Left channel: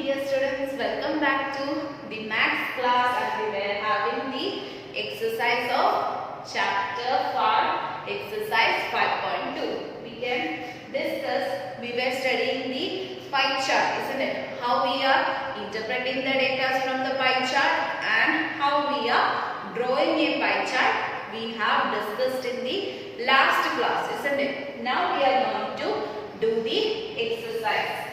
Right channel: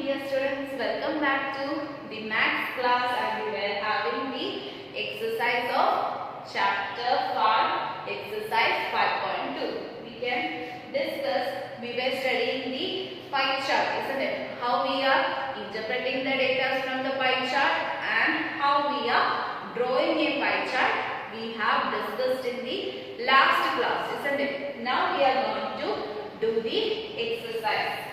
dear students, welcome back to the maths class, and we were having the exercise of chapter 5, exercise 5.2. We can discuss, we were studying the pie chart, isn't it? How we are interpreting the data from the pie chart and how we are drawing a pie chart. We have discussed in the last class, isn't it? Now we are going to do the exercise.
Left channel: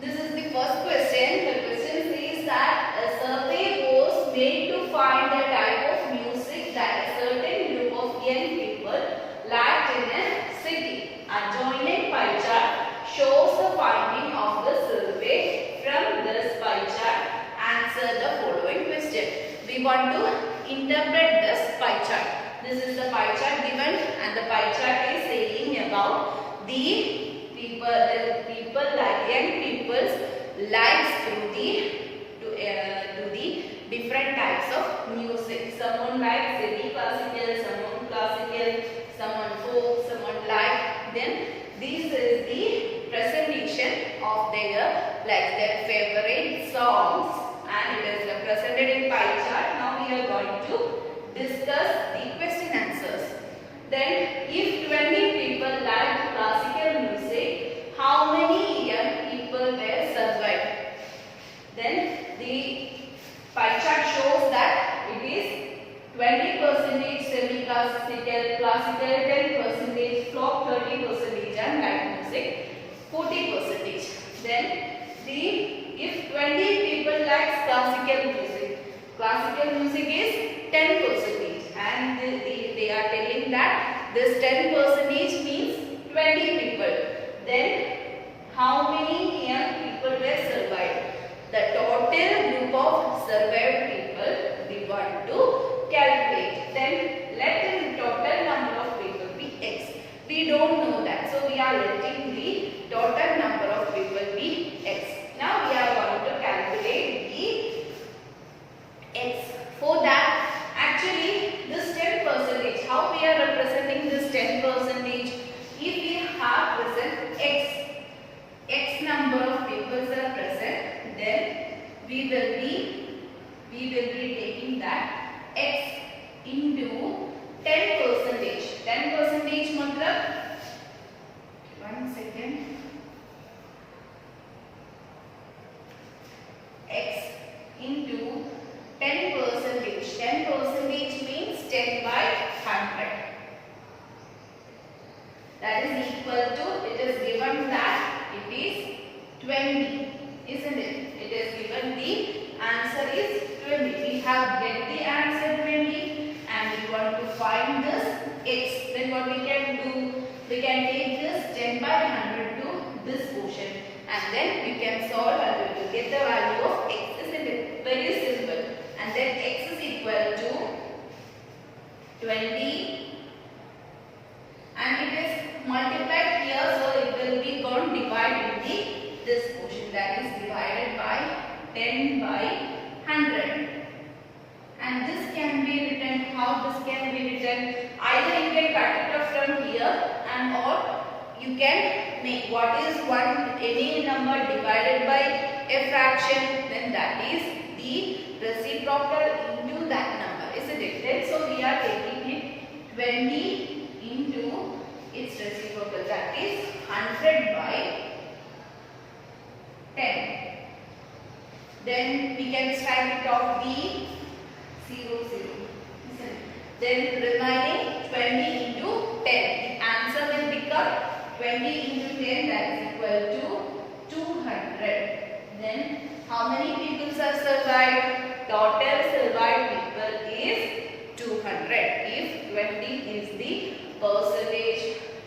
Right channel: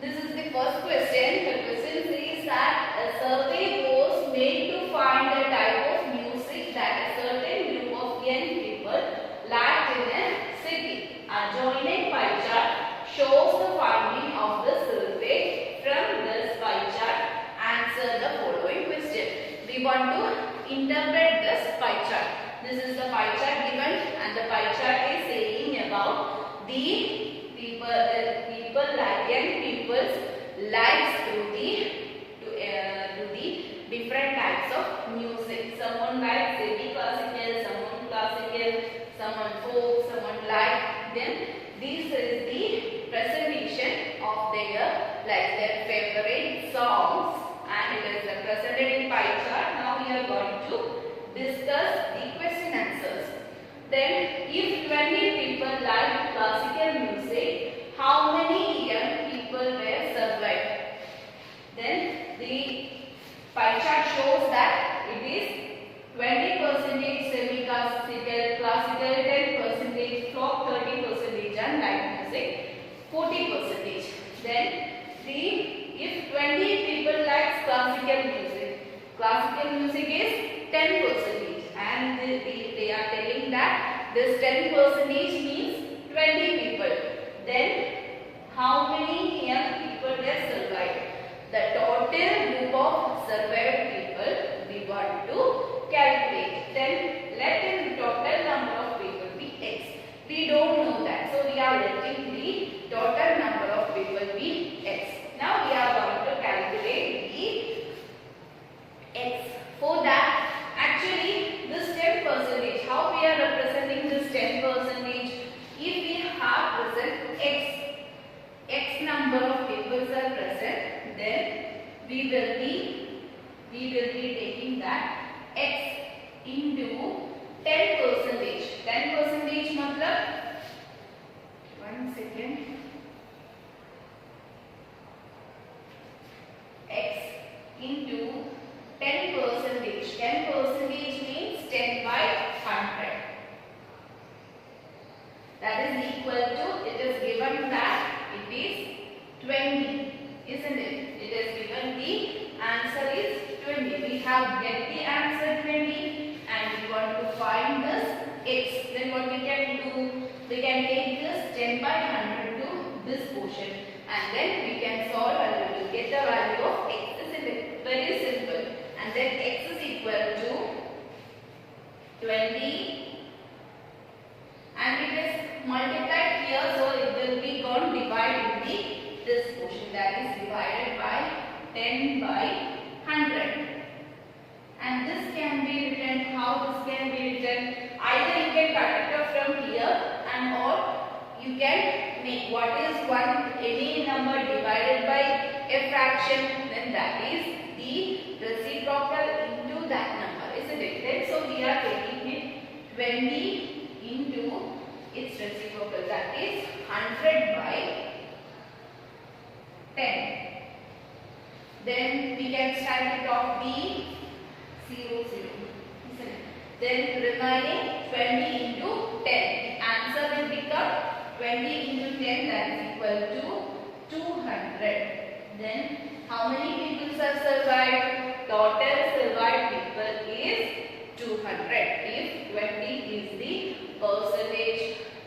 This is the first question. The question says that a survey was made to find the type of music that a certain group of young people liked in a city. A joined pie chart shows the finding of the survey. From this pie chart, answer the following question. We want to interpret this pie chart. This is the pie chart given, and the pie chart is saying about the people like young people's lives through the different types of music. Someone likes semi-classical, someone classical, someone folk, someone like. Then this is the presentation of their favorite songs, and it is represented in pie chart. Now we are going to discuss the question answers. Then, if 20 people like classical music, how many young people were survived? Then the pie chart shows that it is 20% semi-classical, classical 10%, folk 30%, and light music 40%. Then if 20 people like classical music is 10%, and they are telling that this 10% means 20 people. Then how many young people were survived? The total group of survived people we want to calculate. Then let the total number of people be x. We don't know that, so we are letting the total number of people be x. Now we are going to calculate the x. For that, actually this 10%, how we are representing this 10%? If we have present x number of people are present, then we will be taking that x into 10%. 10% matlab, 1 second, x into 10%. 10% means 10 by 100. That is equal to, it is given that it is 20, isn't it? It is given the answer is 20. We have get the answer 20 and we want to find this x. Then what we can do? We can take this 10 by 100 to this portion, and then we can solve and we will get the value of x, isn't it? Very simple. And then x is equal to 20, and it is multiplied here, so it will be gone divided in this portion, that is divided by 10 by 100. And this can be written, how this can be written? Either you can cut it off from here, and or you can make what is any number divided by a fraction, then that is the reciprocal into that number, isn't it? Then so we are taking it 20 into its reciprocal, that is 100 by 10. Then we can start it off the 0, 0, isn't it? Then remaining 20 into 10. The answer will become 20 into 10, that is equal to 200. Then how many people are survived? Total survived people is 200. If 20 is the percentage,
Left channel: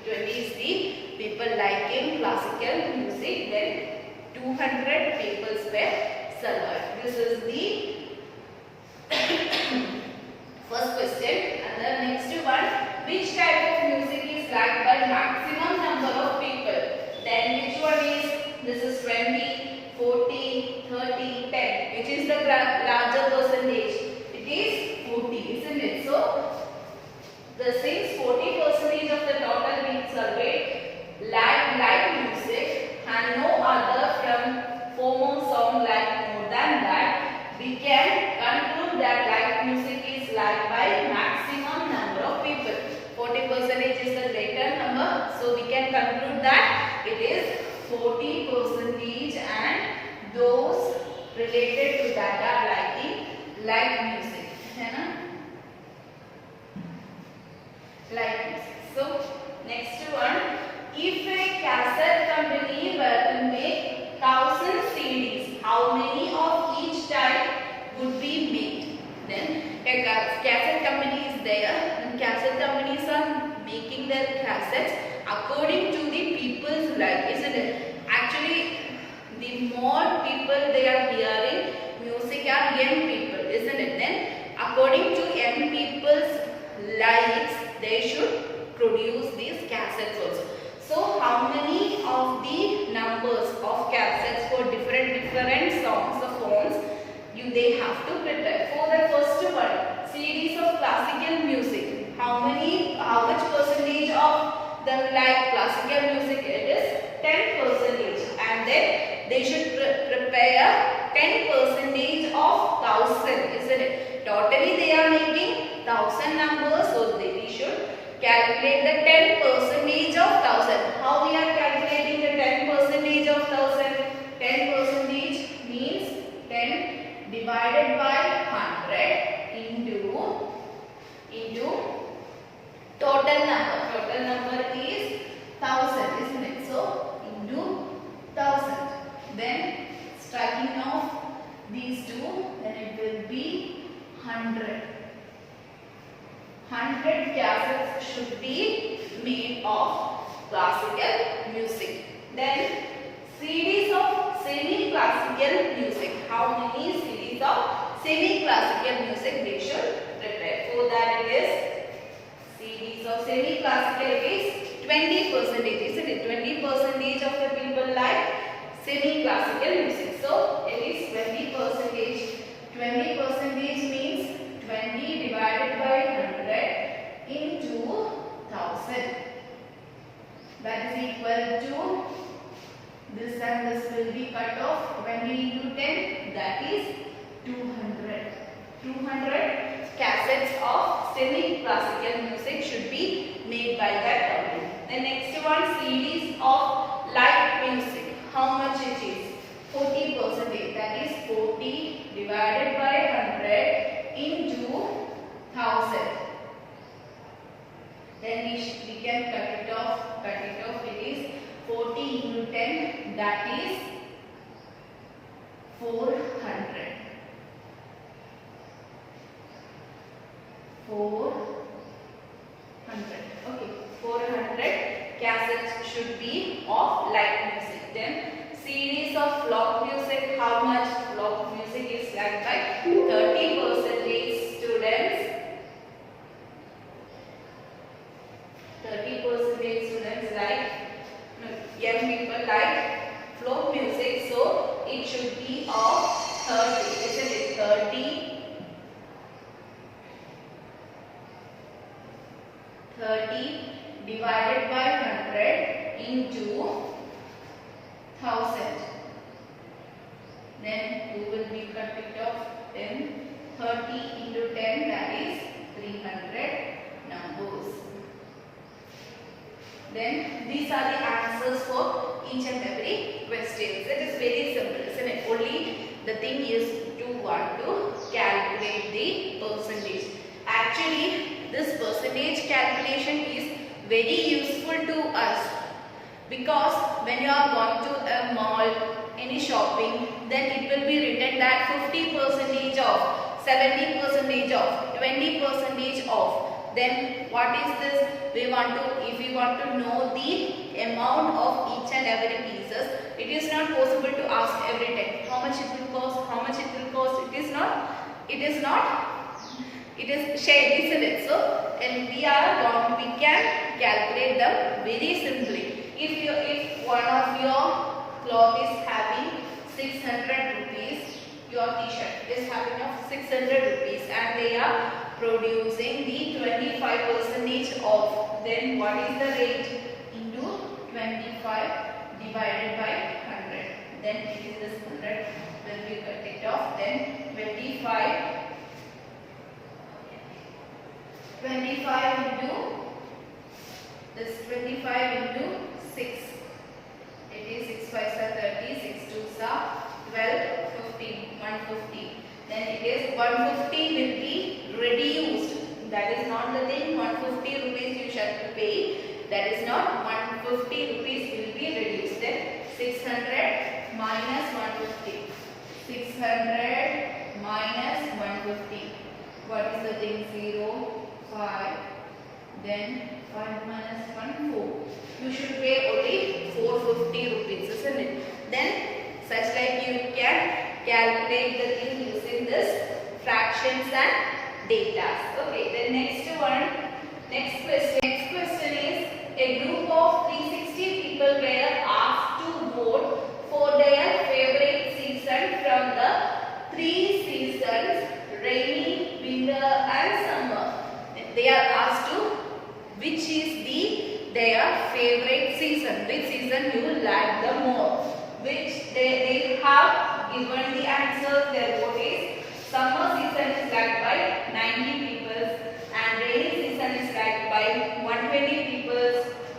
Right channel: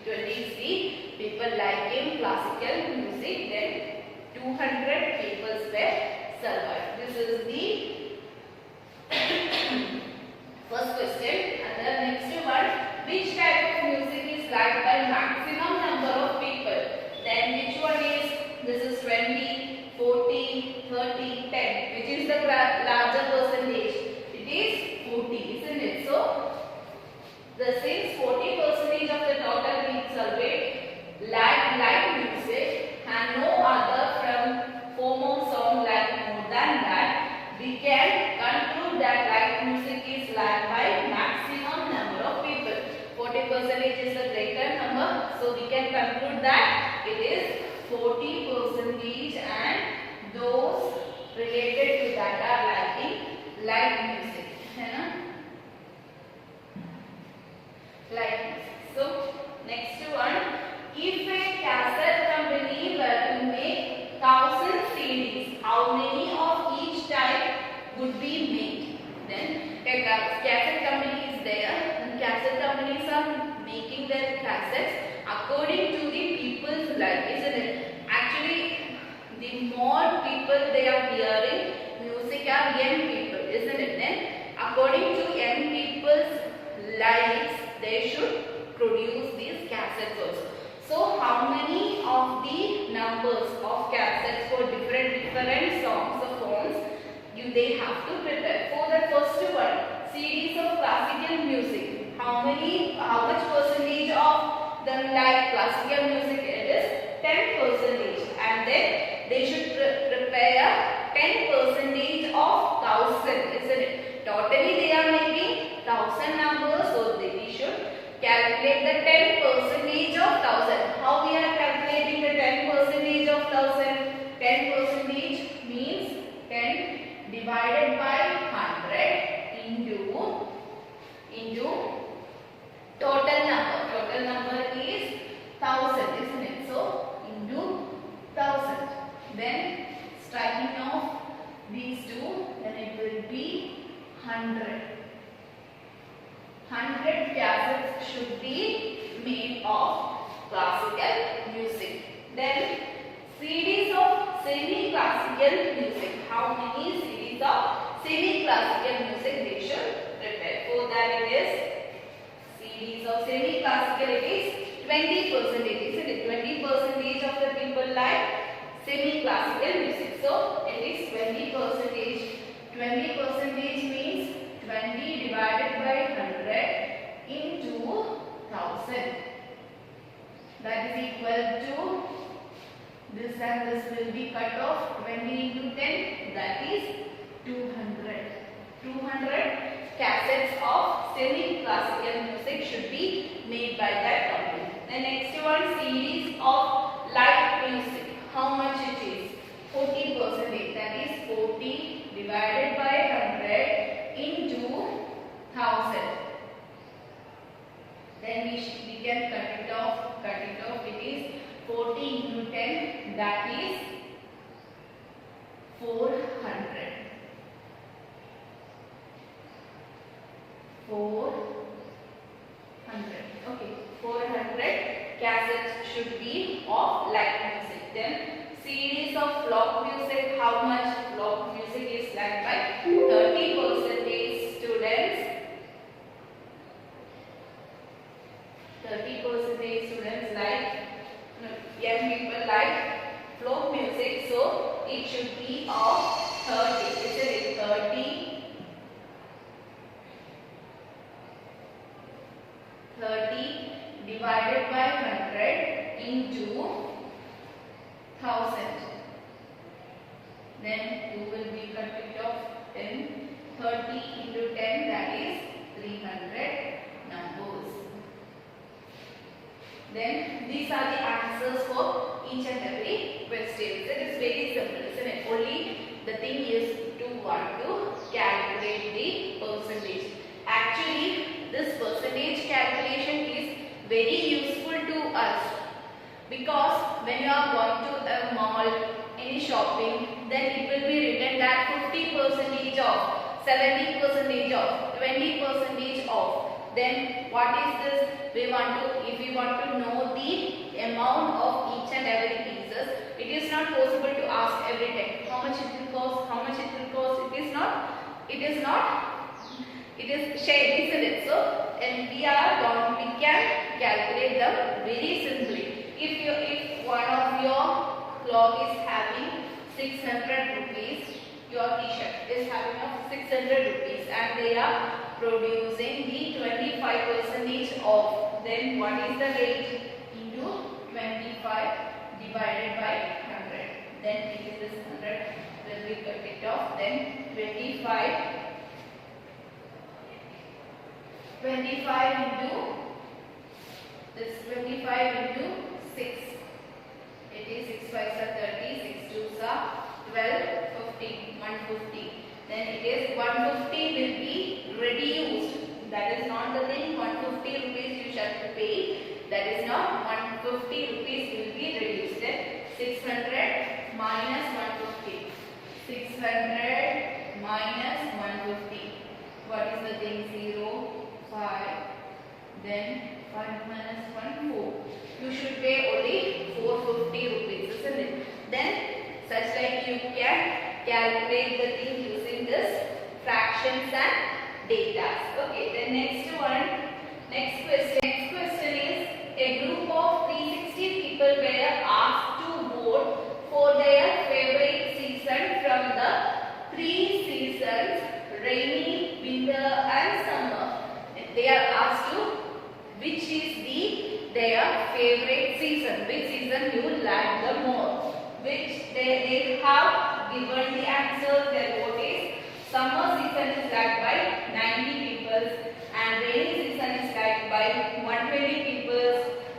20 is the people liking classical music, then 200 people were survived. This is the first question. And the next one, which type of music is liked by maximum number of people? Then which one is? This is 20, 40, 30, 10. Which is the larger percentage? It is 40, isn't it? So, since 40% of the total being surveyed like music and no other from we can conclude that light music is liked by maximum number of people. 40% is the greater number, so we can conclude that it is 40% and those related to that are liking light music. Light music. So next one, if a cassette company were to make 1000 CDs, how many of each type would be made? Then a cassette company is there, and cassette companies are making their cassettes according to the people's life, isn't it? Actually, the more people they are hearing music are young people, isn't it? Then according to young people's lives, they should produce these cassettes also. So how many of the numbers of cassettes for different songs or phones they have to prepare? For the first one, CDs of classical music, how much percentage of them like classical music? It is 10%, and then they should prepare 10% of 1000, isn't it? Totally they are making 1000 numbers, so we should calculate the 10% of 1000. How we are calculating the 10% of 1000? 10% means 10 divided by 100 into total number. Total number is 1000, isn't it? So into 1000. Then striking off these two, then it will be 100. 100 cassettes should be made of classical music. Then CDs of semi-classical music. How many CDs of semi-classical music they should prepare? For that it is CDs of semi-classical, it is 20%, isn't it? 20% of the people like semi-classical music. So it is 20%. 20% means 20 divided by 100 into 1000. That is equal to this, and this will be cut off. 20 into 10, that is 200. 200 cassettes of semi-classical music should be made by that company. The next one, CDs of light music. How much it is? 40%. That is 40 divided by 100 into 1000. Then we can cut it off. It is 40 into 10. That is 400. 400. Okay. 400 cassettes should be of light music. Then series of folk music. How much folk music is liked by 30% students. 30% students like young people like folk music. So it should be of 30. Isn't it? 30 divided by 100 into 1000. Then 2 will be cut it off. 10. 30 into 10, that is 300 numbers. Then these are the answers for each and every question. It is very simple, isn't it? Only the thing is to want to calculate the percentage. Actually, this percentage calculation is very useful to us, because when you are going to a mall, any shopping, then it will be written that 50% off, 70% off, 20% off. Then what is this? If we want to know the amount of each and every pieces, it is not possible to ask every time how much it will cost, how much it will cost. It is shared, isn't it? So then we can calculate them very simply. If one of your cloth is having 600 rupees, your t-shirt is having of 600 rupees, and they are producing the 25% off, then what is the rate? Into 25 divided by 100. Then it is this 100 then we cut it off. Then 25 into this 25 into 6. It is 6 5s are 30, 6 2s are 12, 15, 150. Then it is 150 will be reduced. That is not the thing. 150 rupees you shall pay. That is not 150 rupees will be reduced. Then 600 minus 150. 600 minus 150. What is the thing? 0, 5. Then 5 minus 1, 4. You should pay only 450 rupees, isn't it? Then such like you can calculate the thing using this fractions and data. Okay, the next one, next question is, a group of 360 people were asked to vote for their favorite season from the 3 seasons, rainy, winter and summer. They are asked to which is their favorite season, which season you like the more, which they have given the answer. Their vote is summer season is liked by 90 people and rainy season is liked by 120 people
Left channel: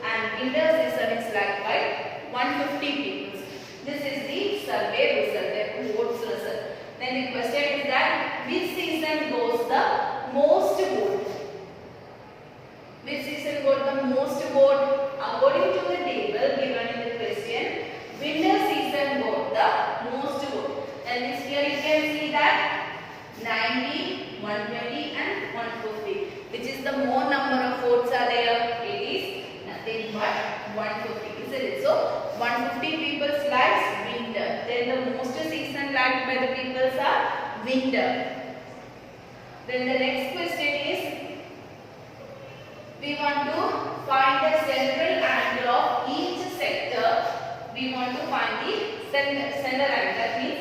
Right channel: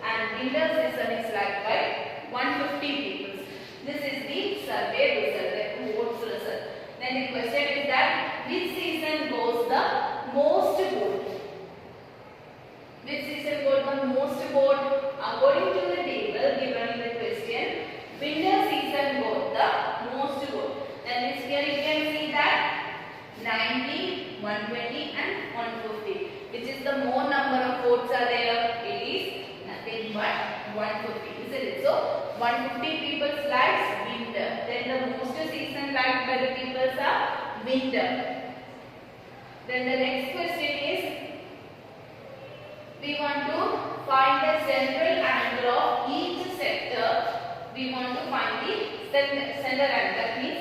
and winter season is liked by 150 people. This is the survey result, the votes result. Then the question is that which season goes the most vote? Which season got the most vote? According to the table given in the question, winter season got the most vote. And this here you can see that 90, 120 and 150. Which is the more number of votes are there? It is nothing but 150. Isn't it? So 150 people likes winter. Then the most season liked by the people are winter. Then the next question is, we want to find the central angle of each sector. We want to find the center angle. That means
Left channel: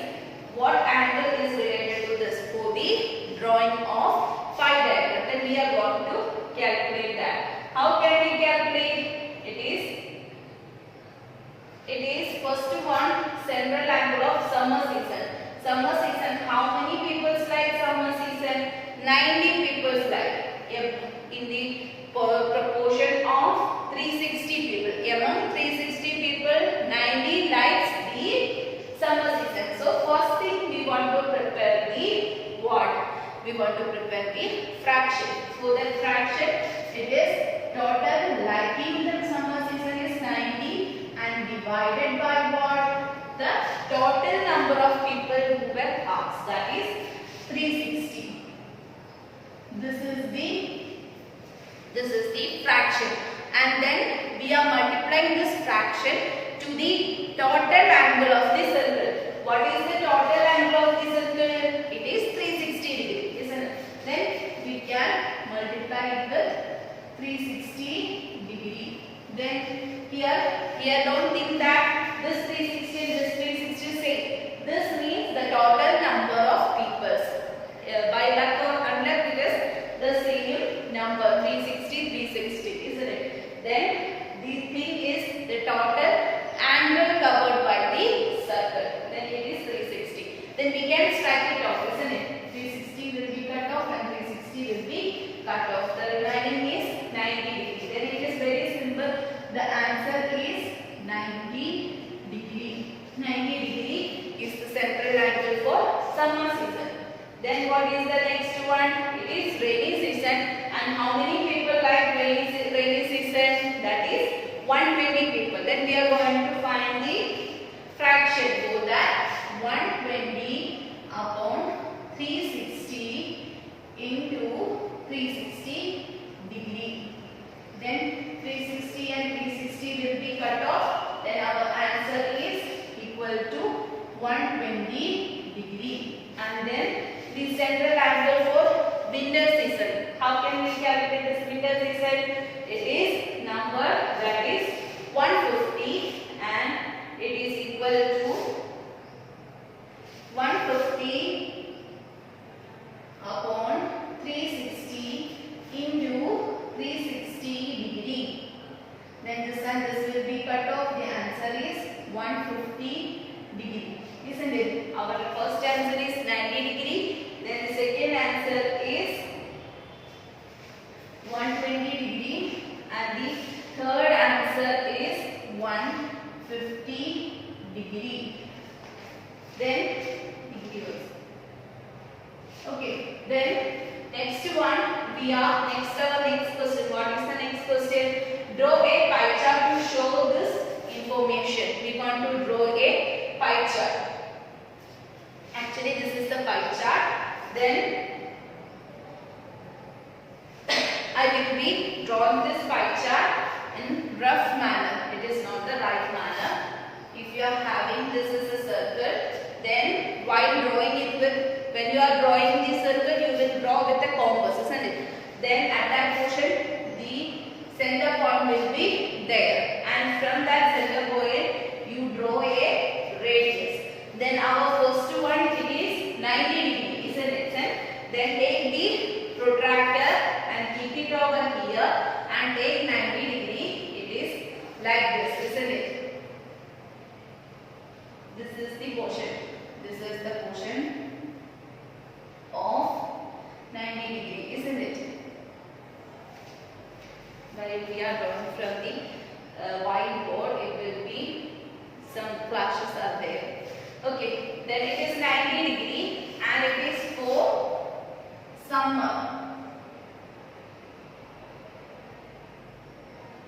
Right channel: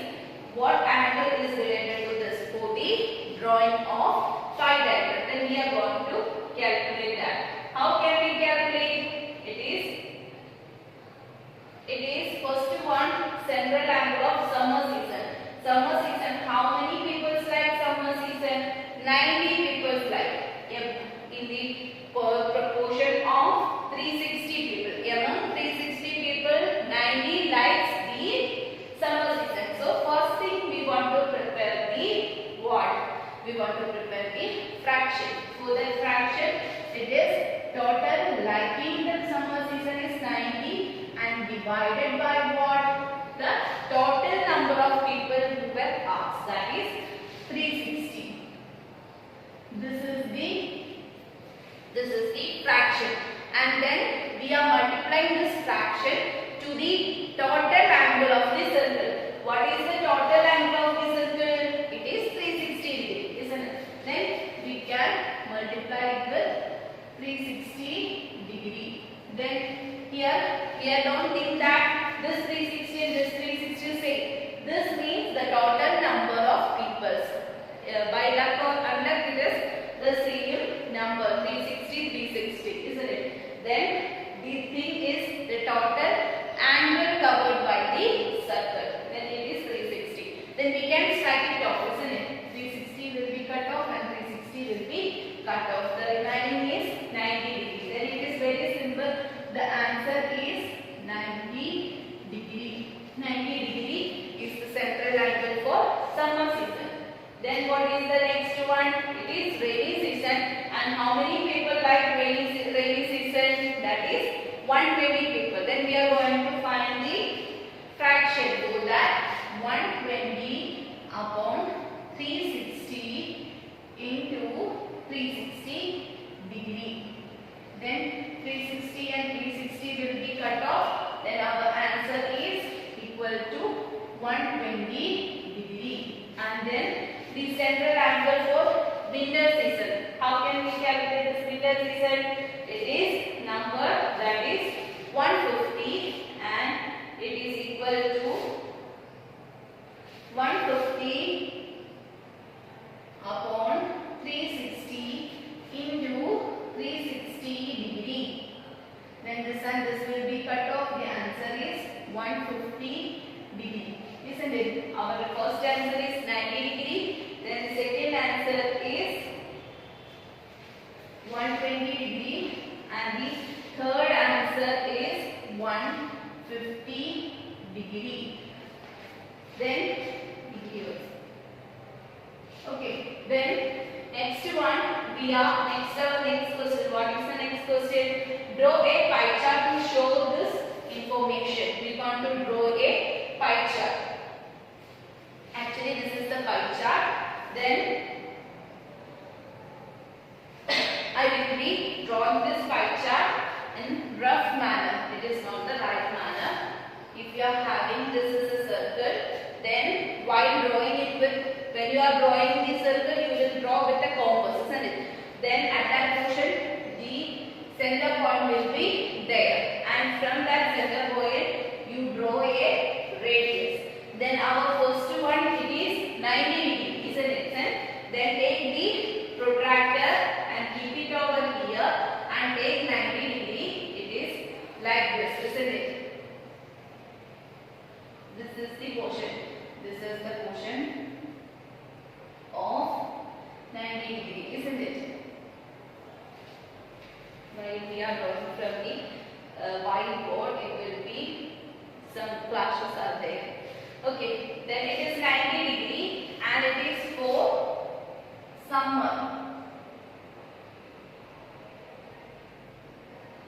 what angle is related to this for the drawing of pie diagram. Then we are going to calculate that. How can we calculate? It is first one, central angle of summer season. Summer season, how many people like summer season? 90 people like. In the proportion of 360 people. Among 360 people, 90 likes the summer season. So first thing we want to prepare the what? We want to prepare the fraction. So that fraction, it is total liking the summer season is 90 and divided by what? The total number of people who were asked, that is 360. This is the fraction, and then we are multiplying this fraction to the total angle of the circle. What is the total angle of the circle? It is 360 degree, isn't it? Then we can multiply it with 360 degree. Then here don't think that this 360 and this 360 same. This means the total number of people. By luck or unluck, it is the same number 360, isn't it? Then the thing is the total angle covered by the circle. Then it is 360. Then we can strike it off, isn't it? 360 will be cut off and 360 will be cut off. The remaining is 90 degree. Then it is very simple. The answer is 90 degree. 90 degree is the central angle for summer season. Then what is the next one? It is rainy season. And how many people like rainy season? That is 120 people. Then we are going to find the fraction. So that 120 upon 360 into 360 degree. Then 360 and 360 will be cut off. Then our answer is equal to 120 degree. And then the central angle for winter season. How can we calculate this winter season? It is number that is 150 and it is equal to 150 upon 360 into 360 degree. Then this will be cut off. The answer is 150 degree. Isn't it? Our first degree. Then degree also. Okay, then next one our next question. What is the next question? Draw a pie chart to show this information. We want to draw a pie chart. Actually, this is the pie chart. Then I will be drawing this pie chart in rough manner. It is not the right manner. If you are having this as a circle, then while drawing it with, when you are drawing the circle, you will draw with a compass, isn't it? Then at that portion, the center point will be there, and from that center point, you draw a radius. Then our first one, it is 90 degree, isn't it? Then take the protractor and keep it over here and take 90 degree. It is like this, isn't it? This is the portion. This is the portion of 90 degree, isn't it? While we are drawing from the whiteboard, it will be some flashes are there. Okay, then it is 90 degree and it is for summer.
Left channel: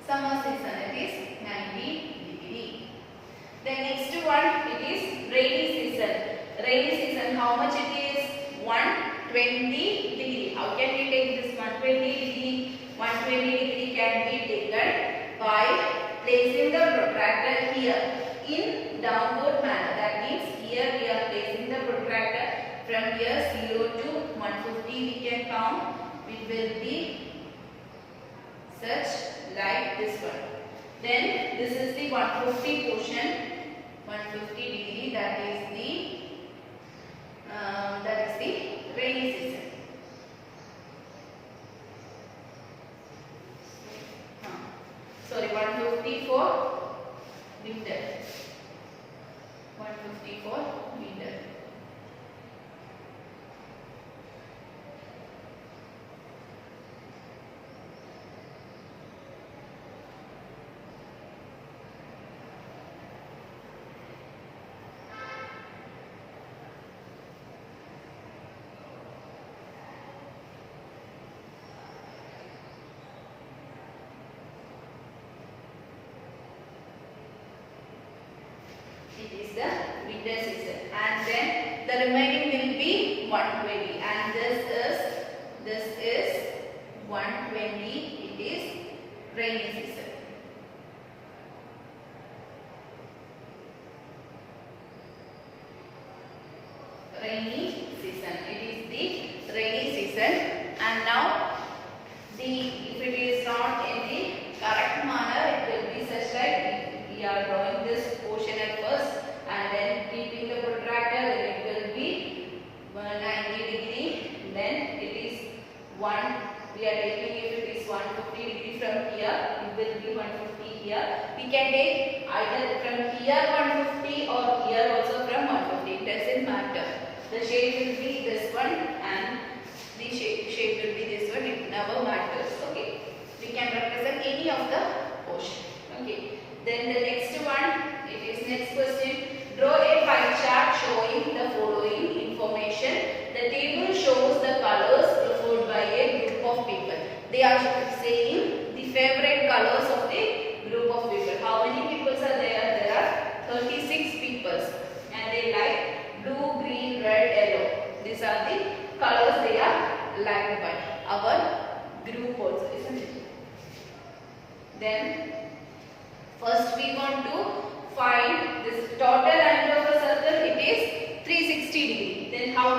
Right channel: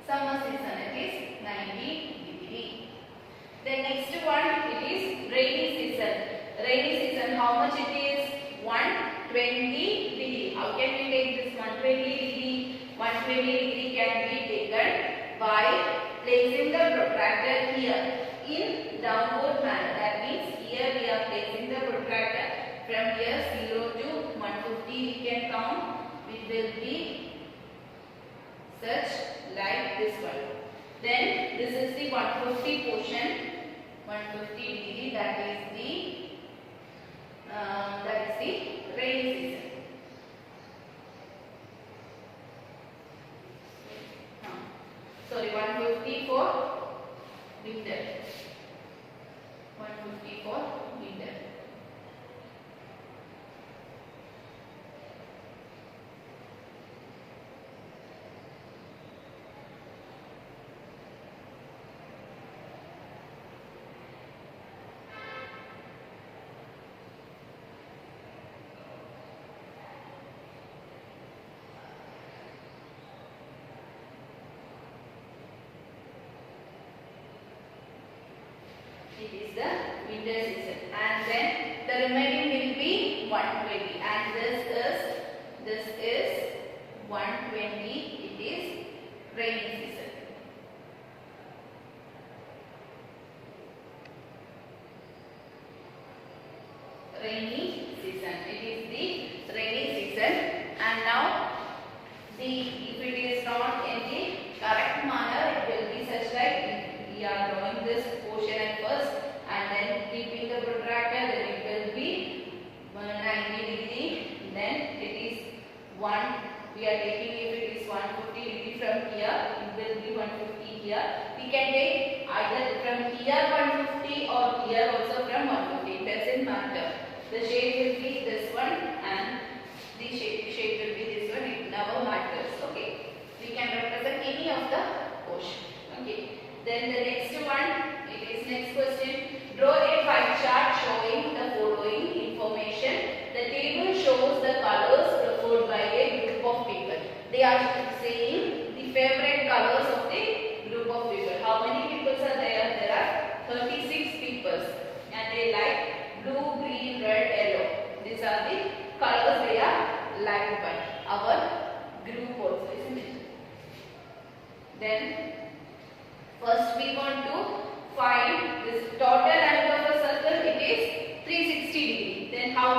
Summer season, it is 90 degree. Then next one, it is rainy season. Rainy season, how much it is? 120 degree. How can we take this 120 degree? 120 degree can be taken by placing the protractor here in downward manner. That means here we are placing the protractor from here 0 to 150 we can count. It will be such like this one. Then this is the 150 portion, 150 degree, that is the rainy season. Sorry, 150 for winter. 150 for winter. It is the winter season, and then the remaining will be 120, and this is 120. It is rainy season. Rainy season. It is the rainy season, and now if it is not in the correct manner, it will be such like we are drawing this portion at first and then keeping the protractor, then it will be 90 degree, then it is we are taking, if it is 150 degree from here, it will be 150 here. We can take either from here 150 or here also from 150, it doesn't matter. The shade will be this one and the shade will be this one, it never matters. Okay, we can represent any of the portion. Okay. Then the next one, it is next question. Draw a pie chart showing the following information. The table shows the colors preferred by a group of people. They are saying the favorite colors of the group of people. How many people are there? There are 36 people, and they like blue, green, red, yellow. These are the colors they are liked by our group also, isn't it? Then first we want to find this total angle of a circle. It is 360 degree. Then how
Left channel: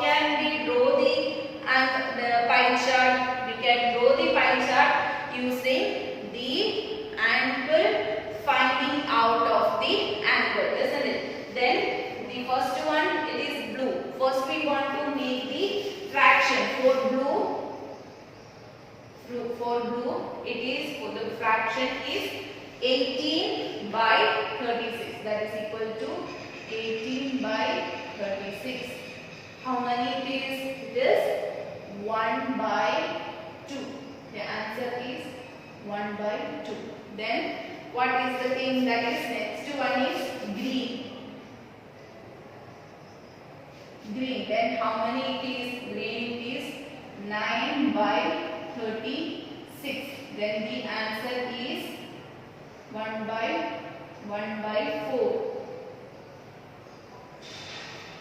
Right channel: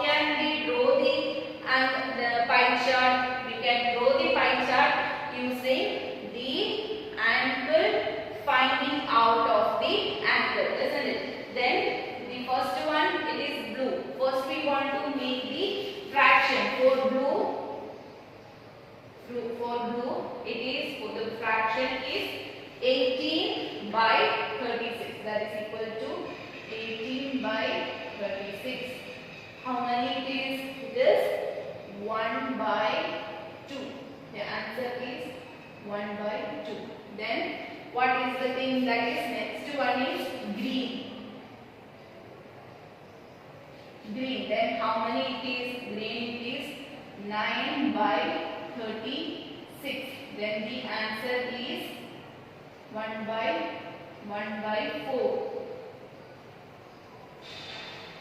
can we draw the pie chart? We can draw the pie chart using the angle finding out of the angle, isn't it? Then the first one, it is blue. First we want to make the fraction for blue. It is, for the fraction is 18 by 36. That is equal to 18 by 36. How many it is? It is 1 by 2. The answer is 1 by 2. Then what is the thing that is next one is green. Green. Then how many it is? Green it is 9 by 36. Then the answer is 1 by 4.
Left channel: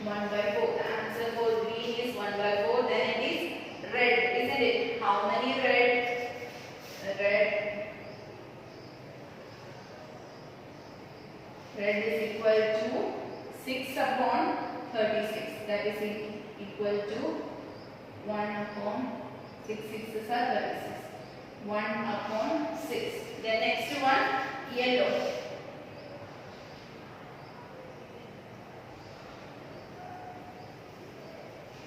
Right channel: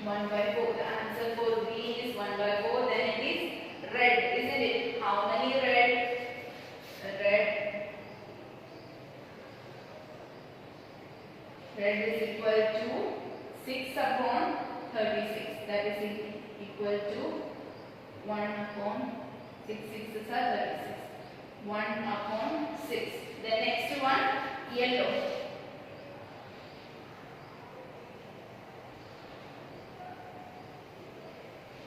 1 by 4. The answer for green is 1 by 4. Then it is red, isn't it? How many red? Red is equal to 6 upon 36. That is equal to 1 upon 6. 6 are 36. 1 upon 6. The next one, yellow.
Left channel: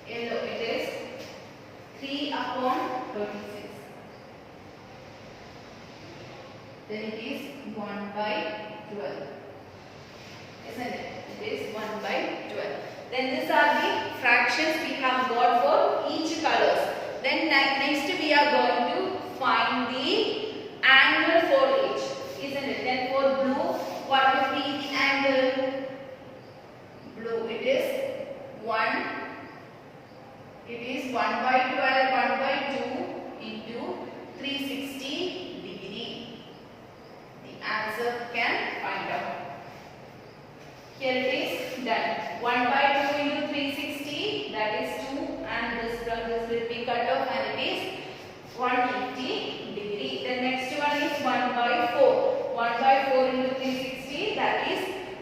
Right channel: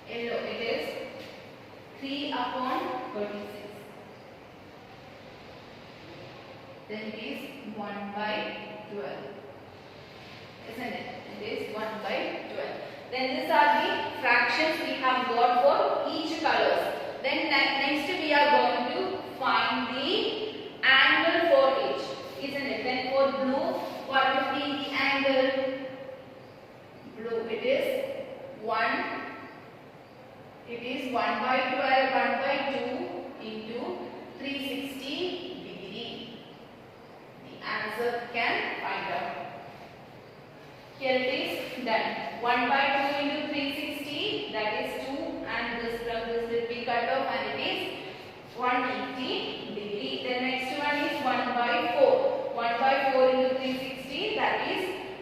Yellow, it is 3 upon 36. Then it is 1 by 12. Isn't it? It is 1 by 12. Then these are the fractions we have got for each colors. Then next we are going to find the angle for each. Isn't it? Then for blue, what will be the angle? Blue, it is 1. It is 1 by 12, 1 by 2 into 360 degree. The answer can find out. Here it is done. 1 by 2 into 360, that is 2, and this from this will be cut off, and it is 180 degree. The next one is 1 by 4. 1 by 4 into 360, that is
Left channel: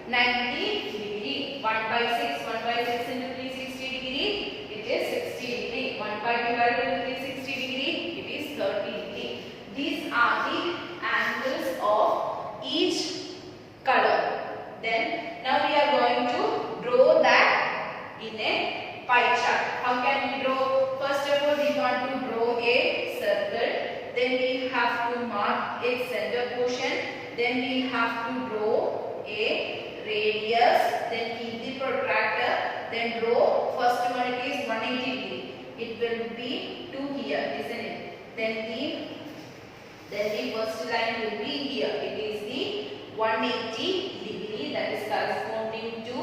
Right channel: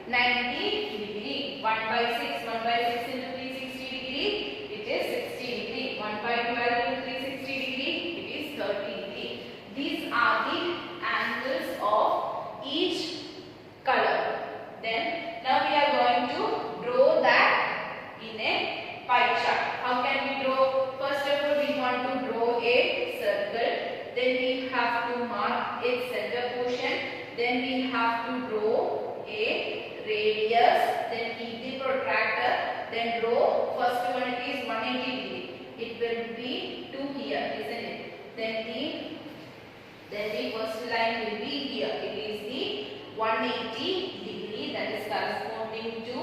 90 degree. 1 by 6, 1 by 6 into 360 degree, it is 60 degree. 1 by 12 into 360 degree, it is 30 degree. These are the angles of each color. Then now we are going to draw that in a pie chart. How can we draw? First of all, we want to draw a circle. Then we have to mark its center portion. Then we have to draw a radius. Then keep the protractor. Then draw. First one, it is 180 degree. It will be 2 here, isn't it? Then the first line will be here. It is the 180 degree, that is corresponding to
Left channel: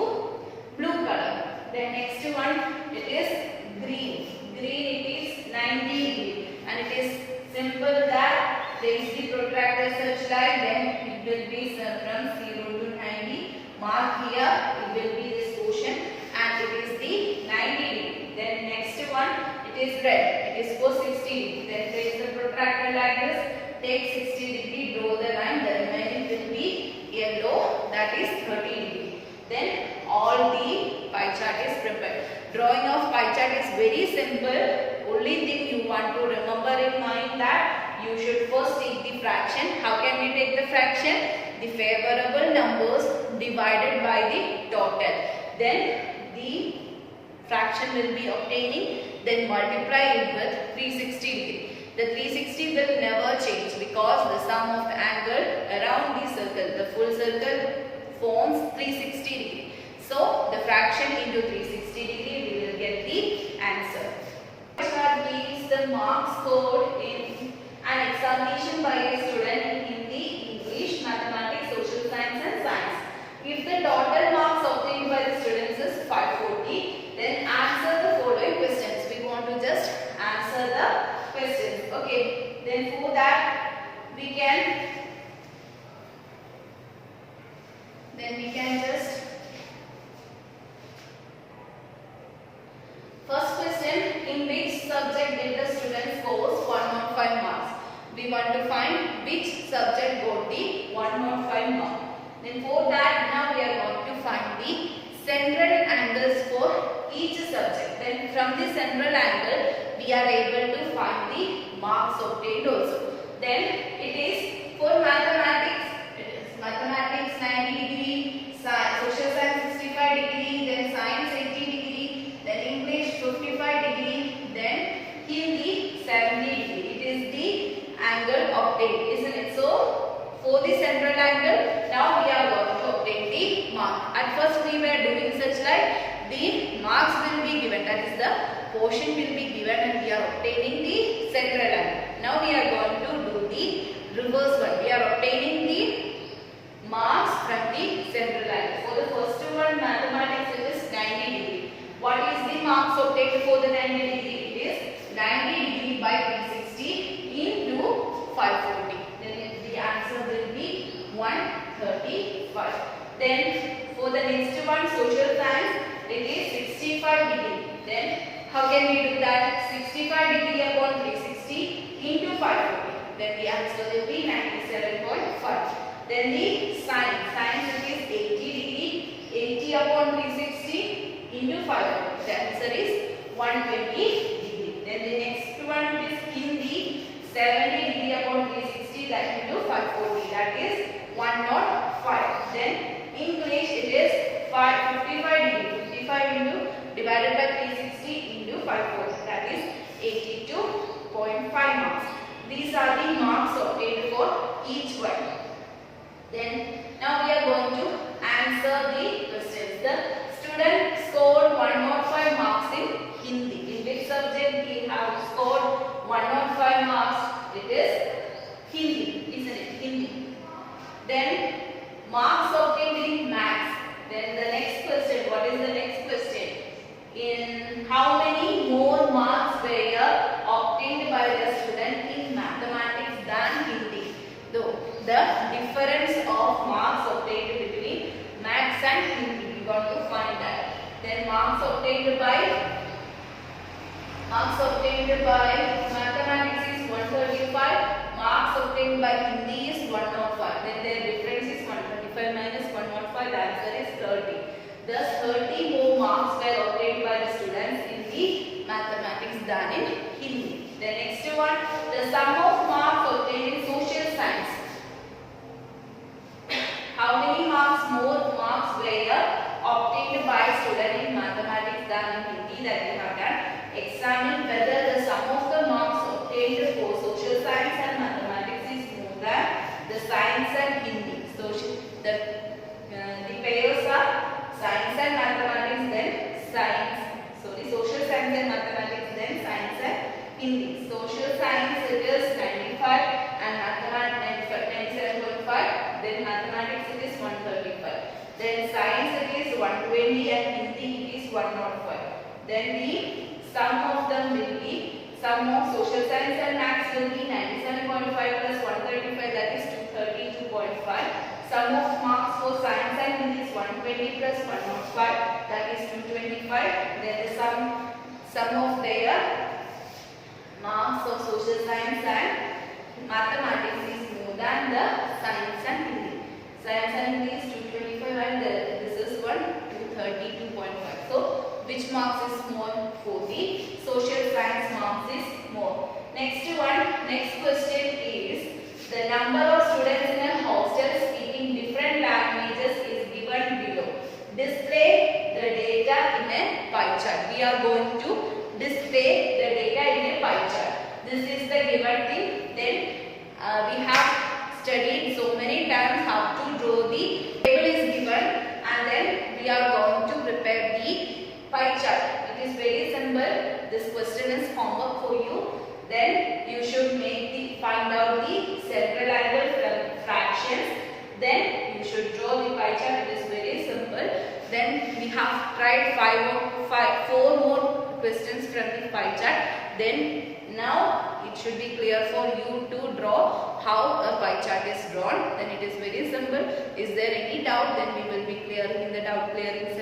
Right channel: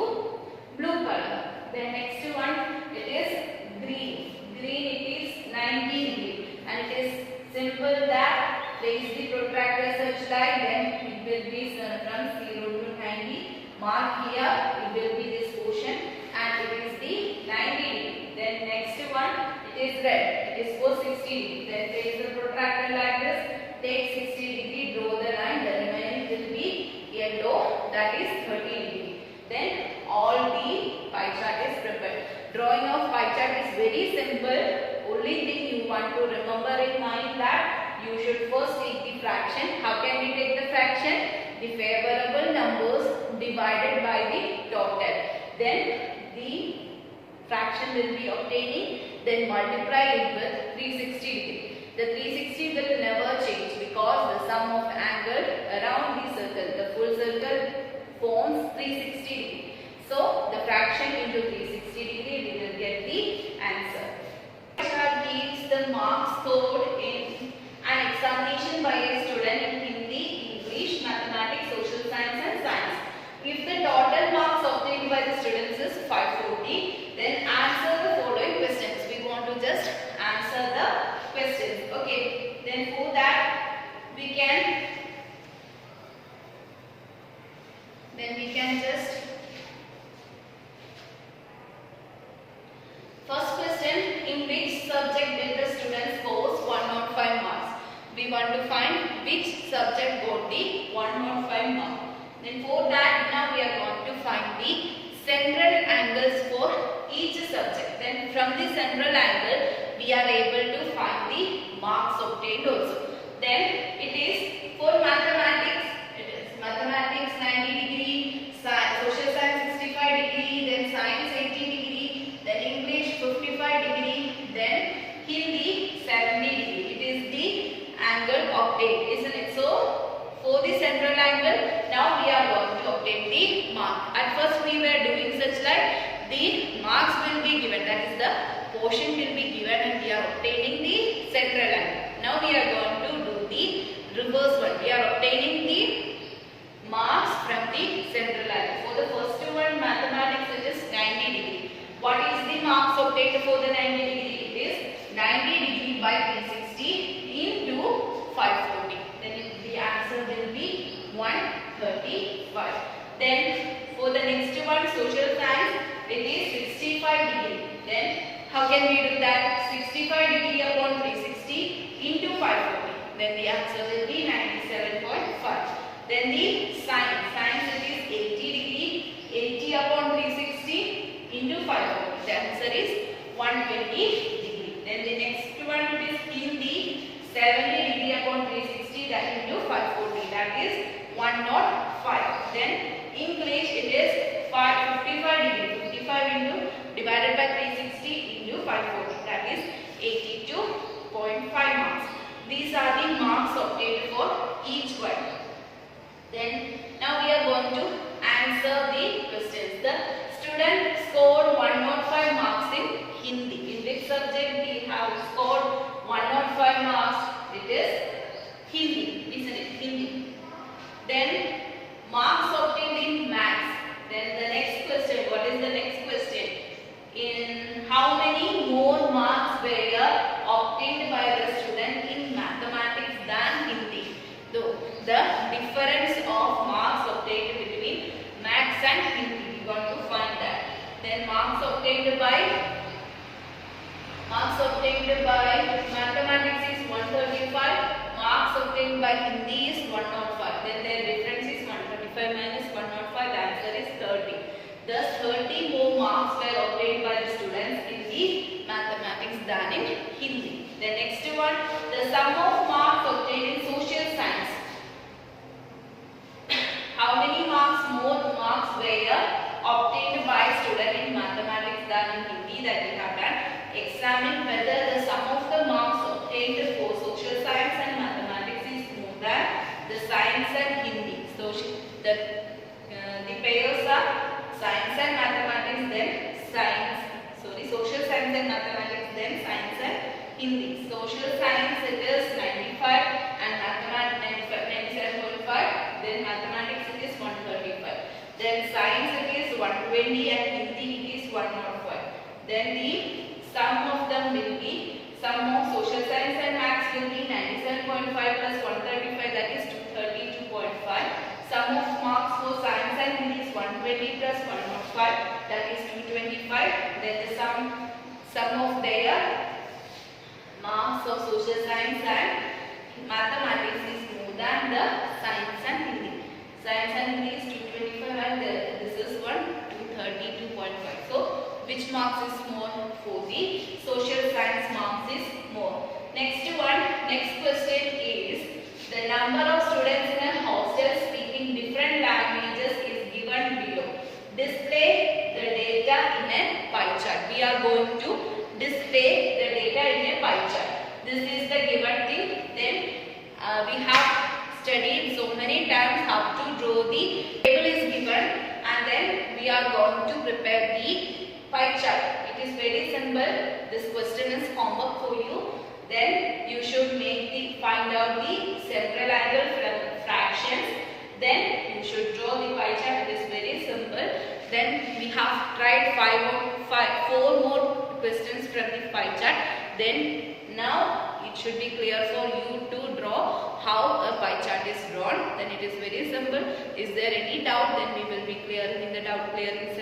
blue color. Then next one, it is green. Green, it is 90 degree, and it is simple that raise the protractor such like, then it will be from 0 to 90. Mark here, it will be this portion, and it is the 90 degree. Then next one, it is red. It is for 60 degree. Then raise the protractor like this. Take 60 degree, draw the line. The remaining will be yellow, that is 30 degree. Then all the pie chart is prepared. Drawing of pie chart is very simple. Only thing you want to remember in mind that you should first take the fraction. How can we take the fraction? The favorable numbers divided by the total. Then the fraction will be obtaining. Then multiply it with 360 degree. The 360 will never change because the sum of angle around the circle, the full circle forms 360 degree. So the fraction into 360 degree, we will get the answer. Chart gives the marks scored in an examination by a student in Hindi, English, Mathematics, Social Science and Science. If the total marks obtained by the students is 540, then answer the following questions. We want to just answer the questions. Okay, then for that we can just first question, in which subject did the student scores 105 marks? We want to find which subject got the 105 marks. Then for that now we are going to find the central angles for each subject. Then from the central angle we are able to find the marks obtained also. Then it is for mathematics. It is mathematics 90 degree, social science 65 degree, then science 80 degree, then English 55 degree, then Hindi 70 degree. It is the angle obtained, isn't it? So for the central angle, now we are going to obtain the mark. At first we were doing such like the marks will be given, that is the portion will be given and we are obtaining the central angle. Now we are going to do the reverse one. We are obtaining the marks from the central angle. For the first one, mathematics, it is 90 degree. What is the marks obtained for the 90 degree? It is 90 degree by 360 into 540. Then the answer will be 135. Then for the next one, social science, it is 65 degree. Then how can we do that? 65 degree upon 360 into 540. Then the answer will be 97.5. Then the science it is 80 degree, 80 upon 360 into 540. The answer is 120 degree. Then the next one is Hindi, 70 degree upon 360 that into 540. That is 105. Then English it is 55 degree, 55 into divided by 360 into 540. That is 82.5 marks. These are the marks obtained for each one. Then now we are going to answer the questions. The student scored 105 marks in Hindi. In which subject we have scored 105 marks? It is Hindi, isn't it? Hindi. Then marks obtained in maths. Then the next question. What is the next question? In how many more marks were obtained by the student in mathematics than Hindi? The difference of marks obtained between maths and Hindi. We want to find that. Then marks obtained by mathematics is 135. Marks obtained by Hindi is 105. Then their difference is 135 minus 105. The answer is 30. Thus 30 more marks were obtained by the students in the mathematics than in Hindi. The next one, the sum of marks obtained in social science. How many more marks were obtained by student in mathematics than in Hindi that we have done? Examine whether the sum of the marks obtained for social science and mathematics is more than the science and Hindi. So the pairs are science and mathematics, then social science and mathematics, then science and Hindi. Social science it is 95 and mathematics 97.5. Then mathematics it is 135. Then science it is 120 and Hindi it is 105. Then the sum of them will be, sum of social science and maths will be 97.5 plus 135, that is 232.5. Sum of marks for science and Hindi is 120 plus 105, that is 225. Then the sum of their marks of social science and mathematics is more than the science and Hindi. Science and Hindi is 225 and this is 232.5. So which marks is more? For the social science marks is more. Next question is, the number of students in a hostel speaking different languages is given below. Display the data in a pie chart. We are going to display the data in a pie chart. This is the given thing. Then we have studied so many times how to draw the table is given, and then we are going to prepare the pie chart. It is very simple. This question is homework for you. Then you should find out the central angle from fractions. Then you should draw the pie chart. It is very simple. Then we have tried 4 more questions from the pie chart. Then now it should be clear for you to draw how a pie chart is drawn. Then it is very simple. Is there any doubt? Then we will be clearing in the doubt clearing